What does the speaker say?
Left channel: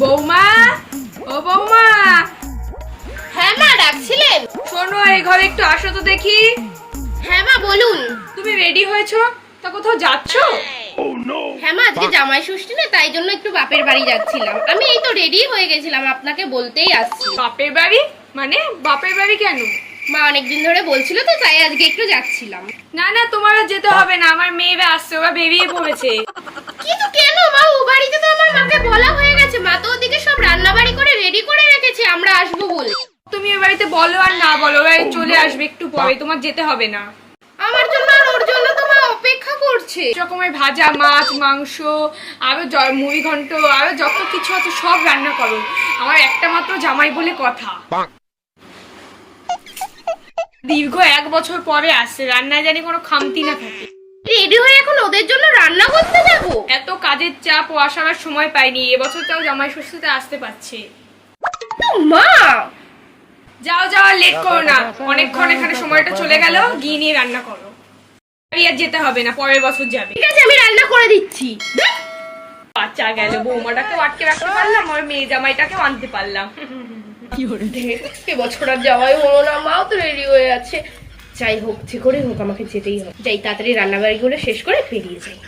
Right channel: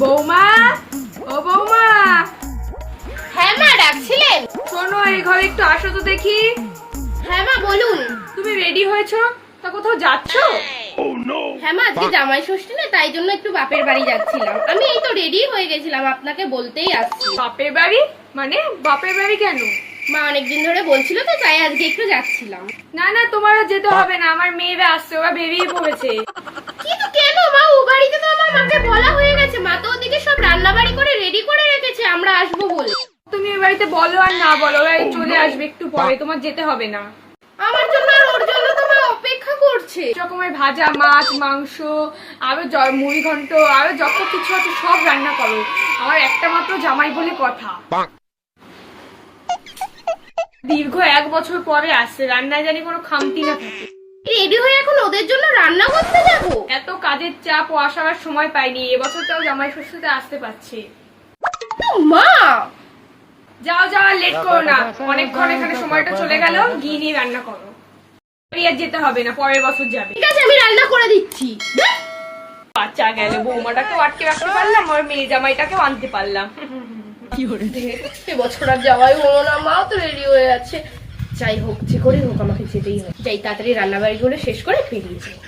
বৌমা, ও বৌমা। হ্যাঁ মা, ডাকছিলেন? শোনো, এই ঘরে একটু আসো তো দেখি। হ্যাঁ মা, বলুন। তুমি রেডি হয়েছো? তা কোথাও যাচ্ছো? হ্যাঁ মা, আজকে জামাই ষষ্ঠী না, তাই জন্য একটু বাপের বাড়ি যাচ্ছিলাম। আমি এই তো রেডি হয়ে গেছিলাম, আপনাকে বলতেই আসছি। বাপের বাড়ি? মানে বাপের বাড়ি কেন? মা অনেকদিন ধরে বলছিল তো, তাই আজকে একটু যাচ্ছিলাম। না না, তোমার আর যেতে হবে না, আমার মেয়েরা আসছে, ওরা বেরিয়ে পড়েছে। কিন্তু কেন মা? ও বাড়িতে তো আমার মাকে বলা হয়ে গেছে, মা তো ওদিকে সব রান্না বাড়ি করে রেডি করে রেখেছে আমরা আসবো বলে। তুমি এ বাড়িতে বলো আর না বলো, ওরা চলে আসবে একটু পরে, তোমার যেতে হবে না। আমার জন্য আর ওর জন্য তো মা অপেক্ষা করছে। রকমের ভাজা, মাছ, মাংস, আরো মুড়ি ঘন্ট, আরো যত কিছু আছে সব রান্না করো। আমার একটা মাত্র জামাই বলে কথা। দীর্ঘ 1 বছর পরে আসছে, রান্নায় জানি কোনো খামতি না থাকে। রেডি হয়ে এখন ওদের জন্য রান্না করতে যাবো? এত কাজের চাপ ও আসার আর সময় পাইনি, এবছর তাও জামাই ষষ্ঠীতে আসতে পারছে। মা যাও যাও, লেট করো না, অনেকক্ষণ এখানে সময়টা চলে গেল, গিয়ে নিয়ে রান্না করো। আর যেতে হবে না, পরের বছর যাবে। ঠিক আছে, আমি রান্না করে দিচ্ছি। বাচ্চা গেল, বৌমাটাকেও আটকে রাখতে পারলাম, আর মেয়ে জামাইটাকেও আনতে পারলাম। এবছর আর যাওয়াই হলো না, মাও তো রেডি হয়ে আছে। যাই হোক, যে করে হোক আমাকে যেতেই হবে। যাই তাড়াতাড়ি রান্না বাড়িগুলো শেষ করে বেরিয়ে যাই।